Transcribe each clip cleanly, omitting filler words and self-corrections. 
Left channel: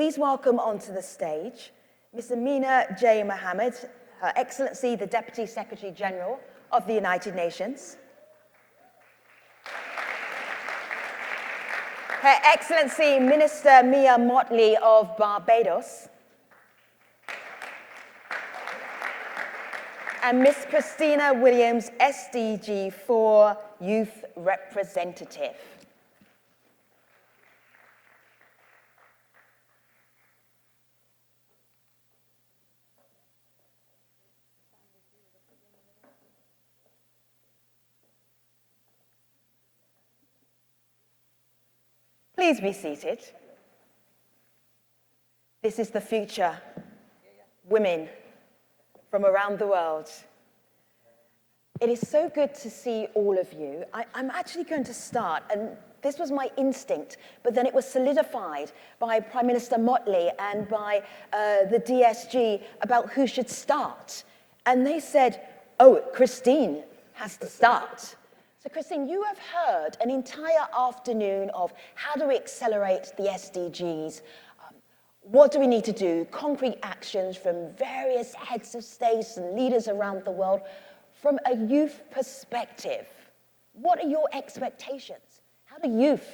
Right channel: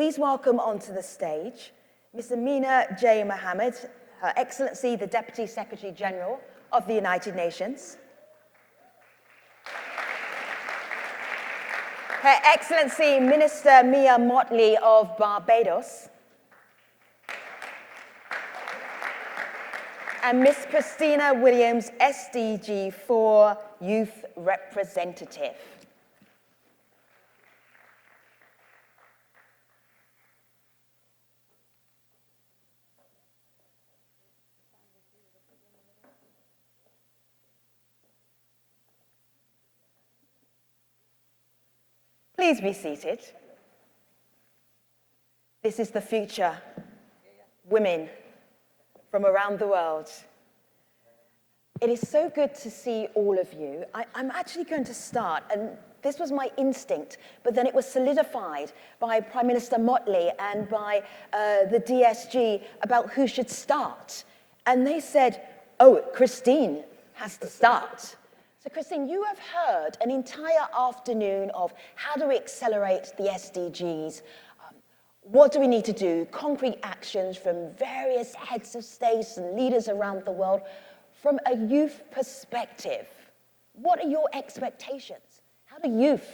Please welcome onto the stage Ms. Amina J. Mohammed, Her Excellency, the Deputy Secretary General of the United Nations. Her Excellency Minister Mia Mottley of Barbados. And Ms. Christina Williams, SDG 4 Youth Representative. Please be seated. This is the future. Women from around the world. It is so good to see all of you. I'm actually going to start, and this was my instinct, but then it was solidified by Prime Minister Mottley and by the DSG about who should start. And they said, oh, Christine has to start. So Christine, you have heard an entire afternoon of how do we accelerate the SDGs, what do we need to do, concrete actions from various heads of states and leaders around the world. From a youth perspective, what are your expectations? How do youth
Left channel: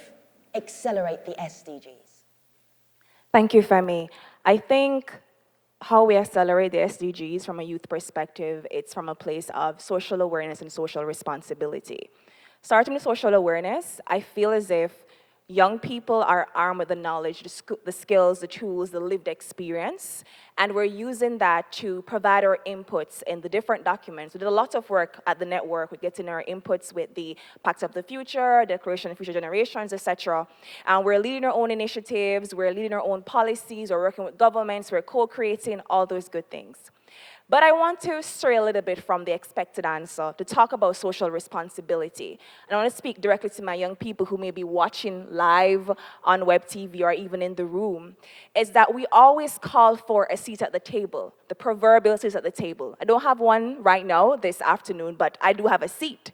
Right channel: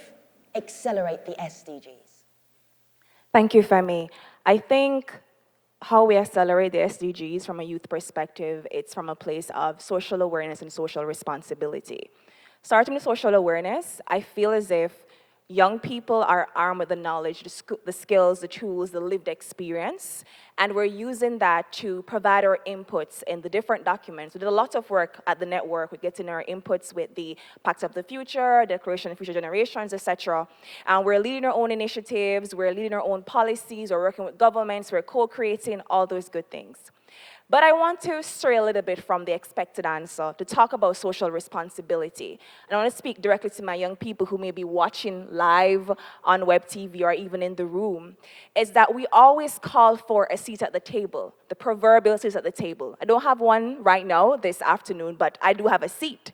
accelerate the SDGs? Thank you, Femi. I think how we accelerate the SDGs from a youth perspective, it's from a place of social awareness and social responsibility. Starting with social awareness, I feel as if young people are armed with the knowledge, the skills, the tools, the lived experience, and we're using that to provide our inputs in the different documents. We did a lot of work at the network. We're getting our inputs with the Pact of the Future, Declaration of Future Generations, etc. And we're leading our own initiatives, we're leading our own policies, we're working with governments, we're co-creating all those good things. But I want to stray a little bit from the expected answer to talk about social responsibility. And I want to speak directly to my young people who may be watching live on web TV or even in the room, is that we always call for a seat at the table, the proverbial seat at the table. I don't have one right now this afternoon, but I do have a seat.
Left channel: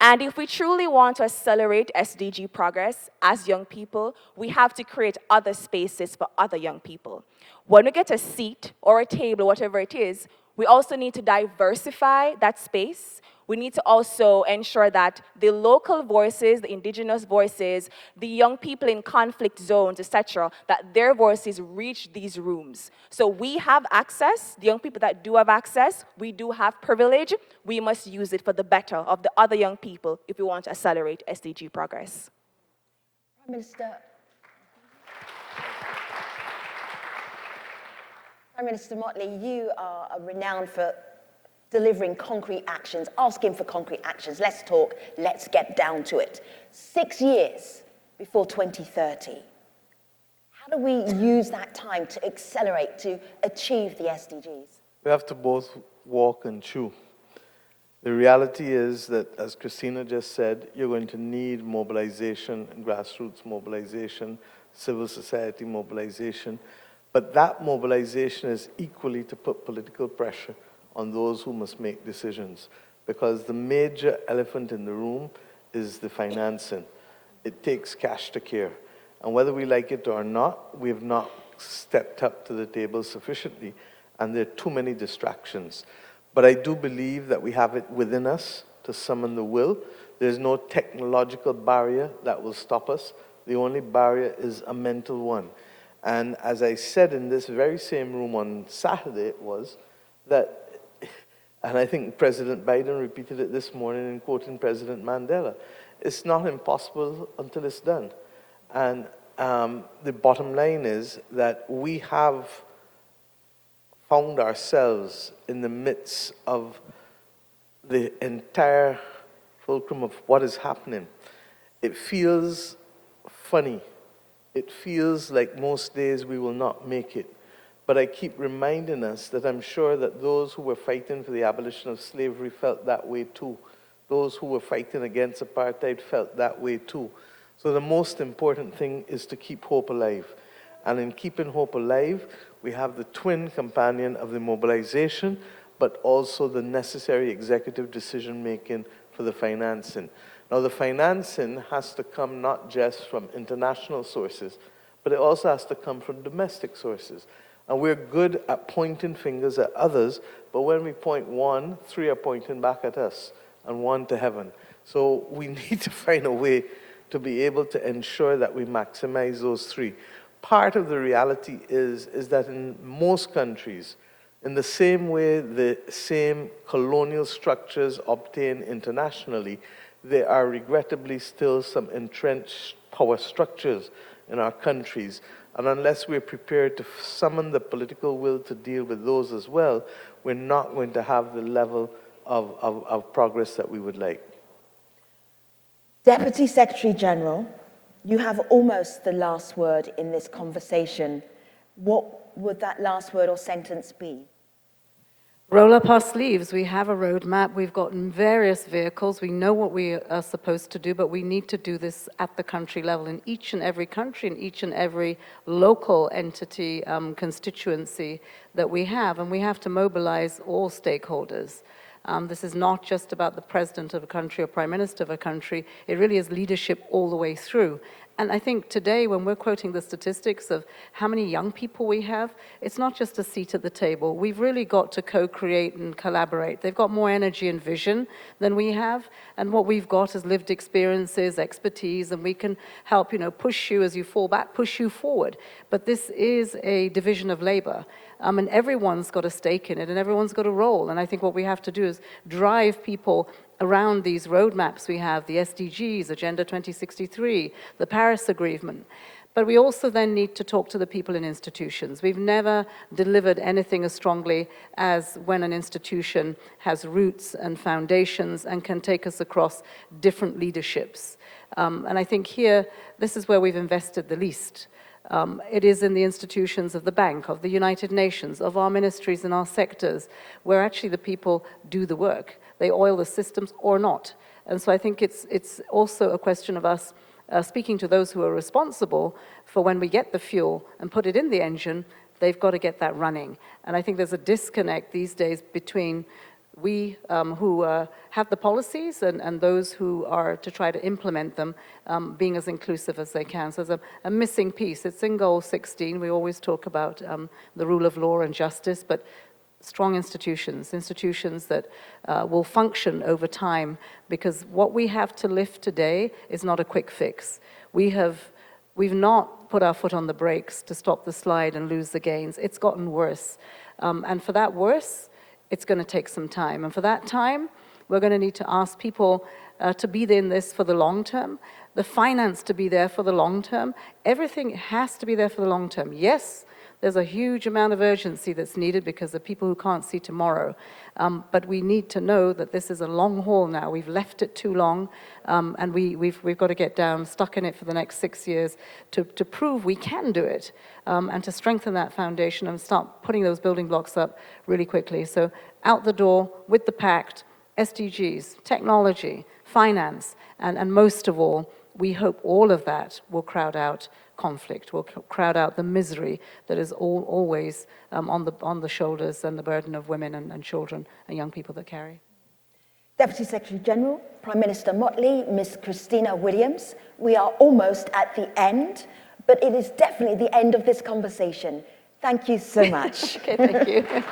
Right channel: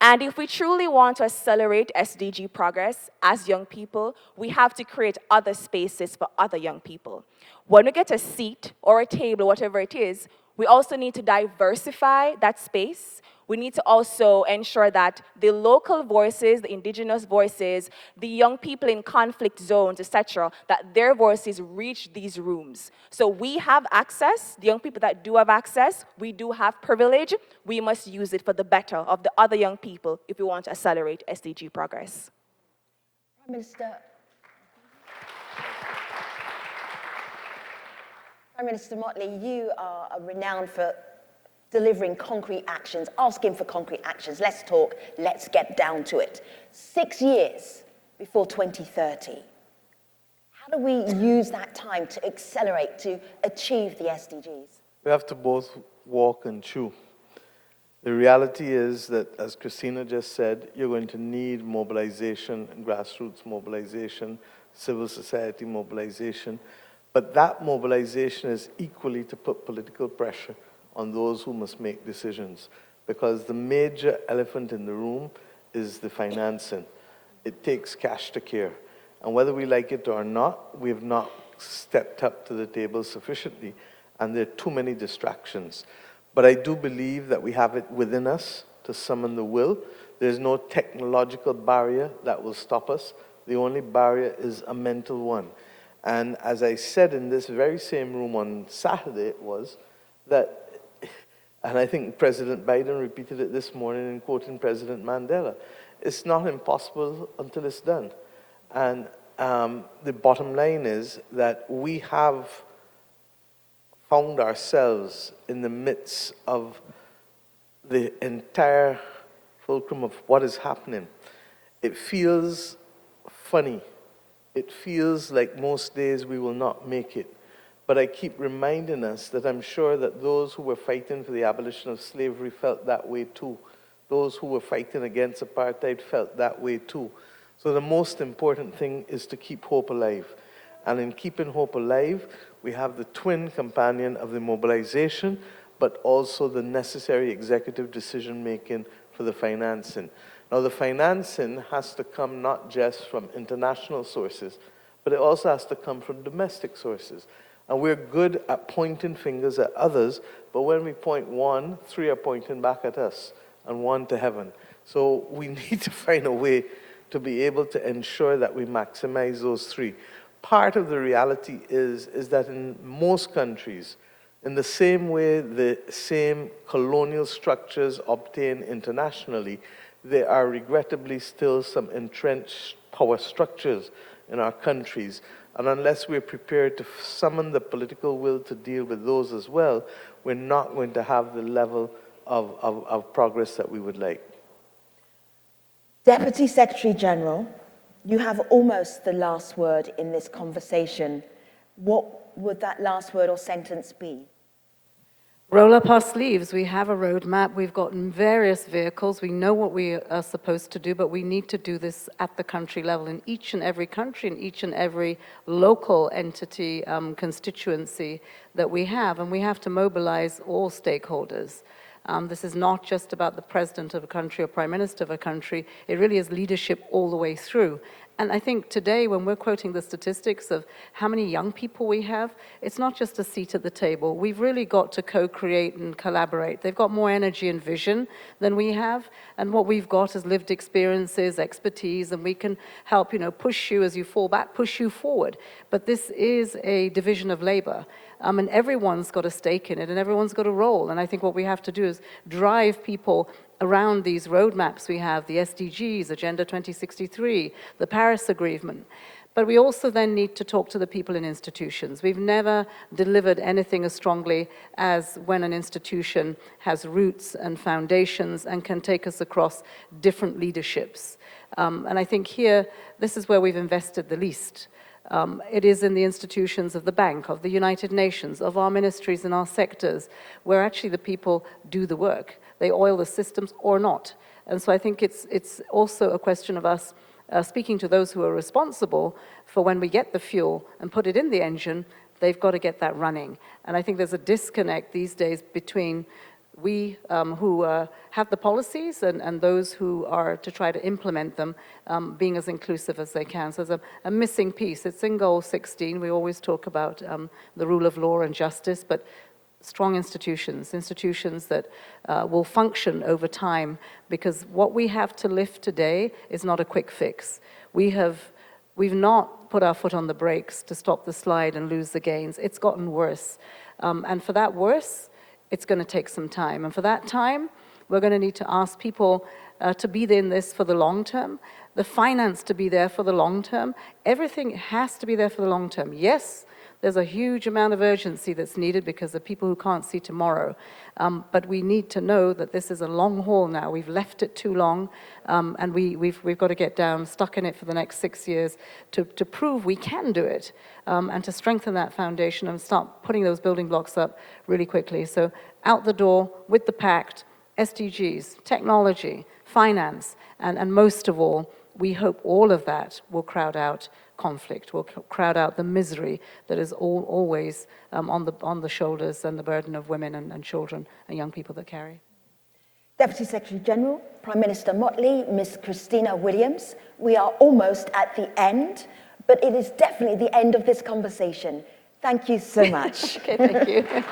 And if we truly want to accelerate SDG progress as young people, we have to create other spaces for other young people. When we get a seat or a table, whatever it is, we also need to diversify that space. We need to also ensure that the local voices, the indigenous voices, the young people in conflict zones, etc., that their voices reach these rooms. So we have access, the young people that do have access, we do have privilege. We must use it for the better of the other young people if we want to accelerate SDG progress. Prime Minister Mottley, you are renowned for delivering concrete actions, asking for concrete actions. Let's talk, let's get down to it. 6 years before 2030. How do we use that time to accelerate, to achieve the SDGs? We have to both walk and chew. The reality is that, as Christina just said, you're going to need mobilization, grassroots mobilization, civil society mobilization. But that mobilization is equally to put political pressure on those who must make decisions, because the major elephant in the room is the financing. It takes cash to care. And whether we like it or not, we've not stepped up to the table sufficiently, and there are too many distractions. But I do believe that we have it within us to summon the will. There's no technological barrier that will stop us. The only barrier is a mental one. And as I said in this very same room on Saturday, it was that, and I think President Biden repeated it this morning in quoting President Mandela, it's not impossible until it's done. And the bottom line is that we have found ourselves in the midst of the entire fulcrum of what is happening. It feels funny. It feels like most days we will not make it. But I keep reminding us that I'm sure that those who were fighting for the abolition of slavery felt that way too. Those who were fighting against apartheid felt that way too. So the most important thing is to keep hope alive. And in keeping hope alive, we have the twin companion of the mobilization, but also the necessary executive decision-making for the financing. Now, the financing has to come not just from international sources, but it also has to come from domestic sources. And we're good at pointing fingers at others, but when we point one, three are pointing back at us, and one to heaven. So we need to find a way to be able to ensure that we maximize those three. Part of the reality is that in most countries, in the same way the same colonial structures obtain internationally, there are regrettably still some entrenched power structures in our countries. And unless we're prepared to summon the political will to deal with those as well, we're not going to have the level of progress that we would like. Deputy Secretary General, you have almost the last word in this conversation. What would that last word or sentence be? Roll up our sleeves. We have a roadmap. We've gotten various vehicles. We know what we are supposed to do, but we need to do this at the country level in each and every country, in each and every local entity, constituency that we have. And we have to mobilize all stakeholders. This is not just about the president of a country or prime minister of a country. It really is leadership all the way through. And I think today, when we're quoting the statistics of how many young people we have, it's not just a seat at the table. We've really got to co-create and collaborate. They've got more energy and vision than we have, and what we've got is lived experiences, expertise, and we can help, push you as you fall back, push you forward. But this is a division of labor. And everyone's got a stake in it, and everyone's got a role. And I think what we have to do is drive people around these roadmaps we have, the SDGs, Agenda 2063, the Paris Agreement. But we also then need to talk to the people in institutions. We've never delivered anything as strongly as when an institution has roots and foundations and can take us across different leaderships. And I think here, this is where we've invested the least. It is in the institutions of the bank, of the United Nations, of our ministries and our sectors, where actually the people do the work. They oil the systems or not. And so I think it's also a question of us speaking to those who are responsible for when we get the fuel and put it in the engine, they've got to get that running. And I think there's a disconnect these days between we who have the policies and those who are to try to implement them, being as inclusive as they can. So there's a missing piece. It's in Goal 16. We always talk about the rule of law and justice, but strong institutions that will function over time, because what we have to lift today is not a quick fix. We've not put our foot on the brakes to stop the slide and lose the gains. It's gotten worse. And for that worse, it's going to take some time. And for that time, we're going to need to ask people to be in this for the long term, the finance to be there for the long term. Everything has to be there for the long term. Yes, there's a huge amount of urgency that's needed because of people who can't see tomorrow. But we need to know that this is a long haul now. We've left it too long, and we've got to get down, stuck in it for the next 6 years to prove we can do it, and to strengthen that foundation and start putting those building blocks up really quickly. So out the door with the pact, SDGs, technology, finance, and most of all, we hope all of that will crowd out conflict, will crowd out the misery that is always on the shoulders and the burden of women and children and young people that carry. Deputy Secretary General, Prime Minister Motley, Ms. Christina Williams, we are almost at the end, but it is definitely the end of this conversation. Thank you so much. Okay, thank you.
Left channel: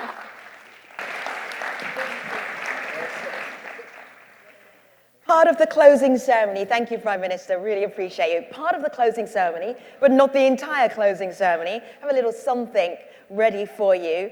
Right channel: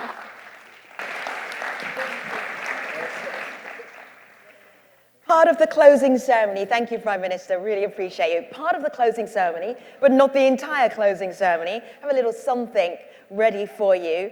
Part of the closing ceremony, thank you, Prime Minister, really appreciate you. Part of the closing ceremony, but not the entire closing ceremony, have a little something ready for you.